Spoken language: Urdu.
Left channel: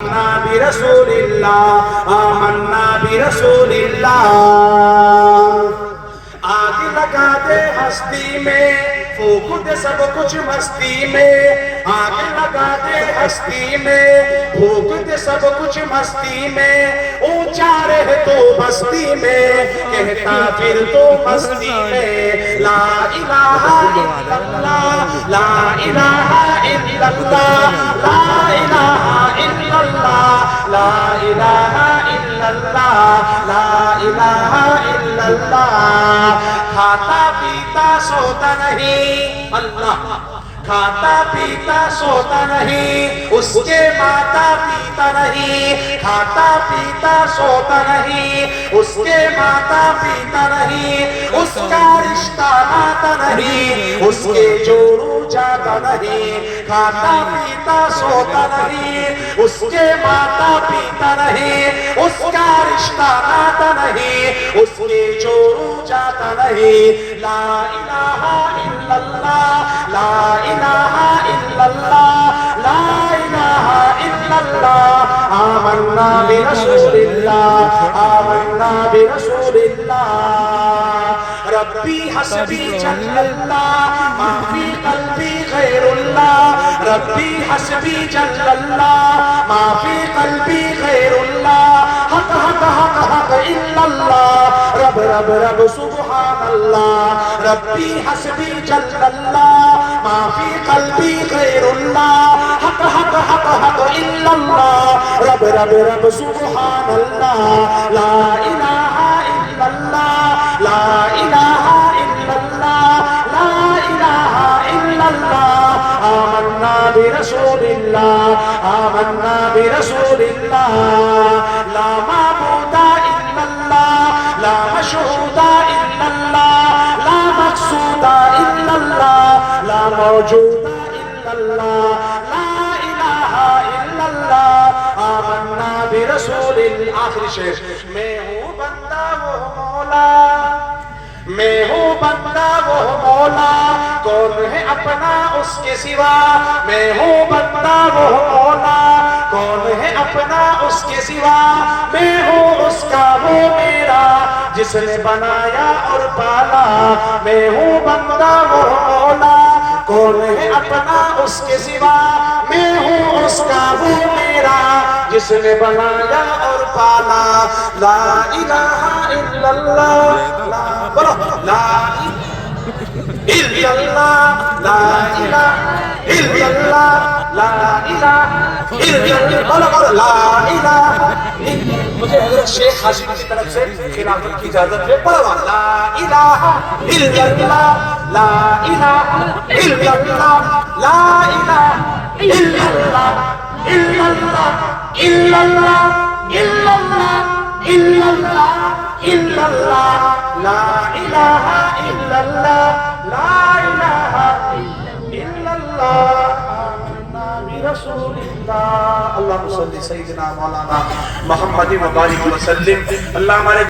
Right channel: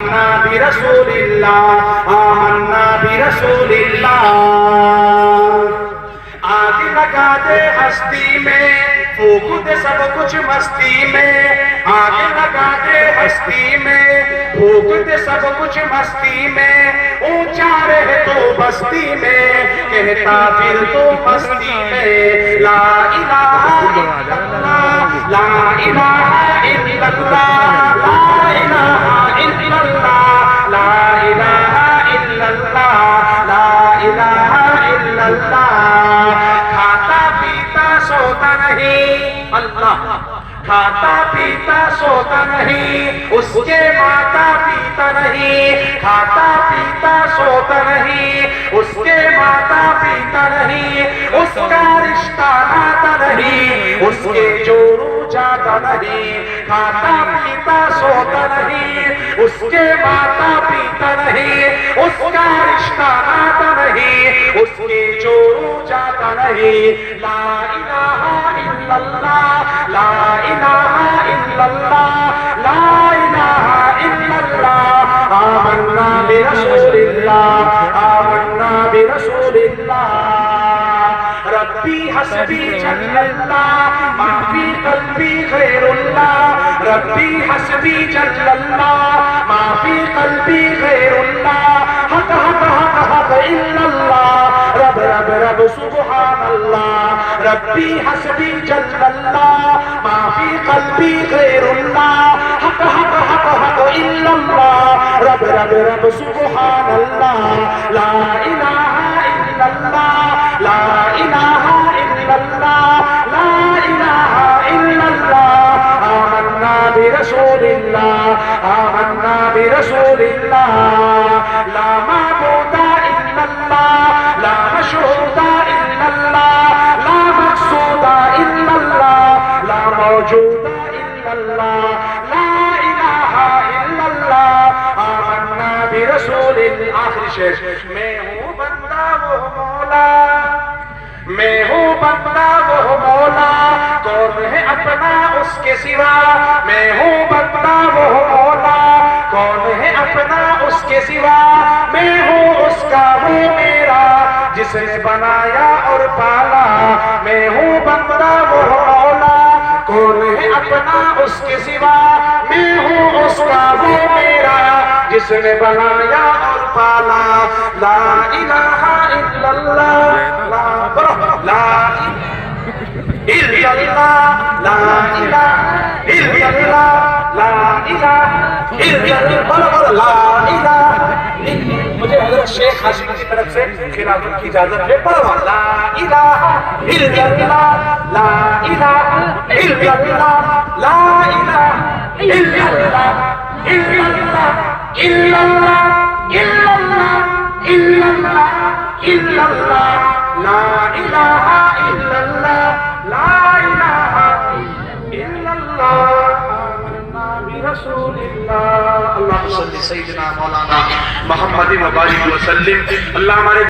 برسول اللہ آمنا برسول اللہ آگ لگا دے ہستی میں پھونک دے سب کچھ مستی میں آگ لگا دے ہستی میں پھونک دے سب کچھ مستی میں اونچا رہ تو بستی میں کہتا پھر تو مستی میں لا الہ الا اللہ لا الہ الا اللہ لا الہ الا اللہ لا الہ الا اللہ لا الہ الا اللہ کھاتا پیتا سوتا نہیں اللہ کھاتا پیتا سوتا نہیں اس کے ماتا پیتا نہیں کھاتا پیتا سوتا نہیں اس کے ماتا پیتا نہیں اس کا رشتہ ناتا نہیں اس کے جوڑو جاتا نہیں کھاتا پیتا سوتا نہیں اس کے ماتا پیتا نہیں اس کا رشتہ ناتا نہیں اس کے جوڑو جاتا نہیں لا الہ الا اللہ لا الہ الا اللہ لا الہ الا اللہ آمنا برسول اللہ آمنا برسول اللہ ربی حسبی جل اللہ ما فی قلبی غیر اللہ ربی حسبی جل اللہ ما فی قلبی غیر اللہ حق حق حق حق الا اللہ رب رب رب سبحان اللہ ربی حسبی جل اللہ ما فی قلبی غیر اللہ حق حق حق حق الا اللہ رب رب رب سبحان اللہ لا الہ الا اللہ لا الہ الا اللہ لا الہ الا اللہ آمنا برسول اللہ آمنا برسول اللہ لا معبود الا اللہ لا مشهود الا اللہ لا مقصود الا اللہ لا موجود الا اللہ لا الہ الا اللہ آمنا برسول اللہ آخری شعر میں ہوں بندہ وہ مولا میں ہوں بندہ وہ مولا کون ہے اپنا اس کے سوا میں ہوں بندہ وہ مولا کون ہے اپنا اس کے سوا میں ہوں اس کا وہ میرا جس نے بنایا اور پالا میں ہوں بندہ وہ مولا کون ہے اپنا اس کے سوا میں ہوں اس کا وہ میرا جس نے بنایا اور پالا لا الہ الا اللہ لا الا اللہ لا الہ الا اللہ لا الہ الا اللہ لا الہ مجھے حضرت شیخ ہاشمی کی طرف سے خلافت کی اجازت ہے پڑھوا لا الہ الا اللہ لا الہ الا اللہ لا الہ الا اللہ الا اللہ الا اللہ الا اللہ الا اللہ الا اللہ لا الہ الا اللہ لا الہ الا اللہ آمنا برسول اللہ اللہم صلی سیدنا مولانا محمد و بارک وسلم اللہ ہمارے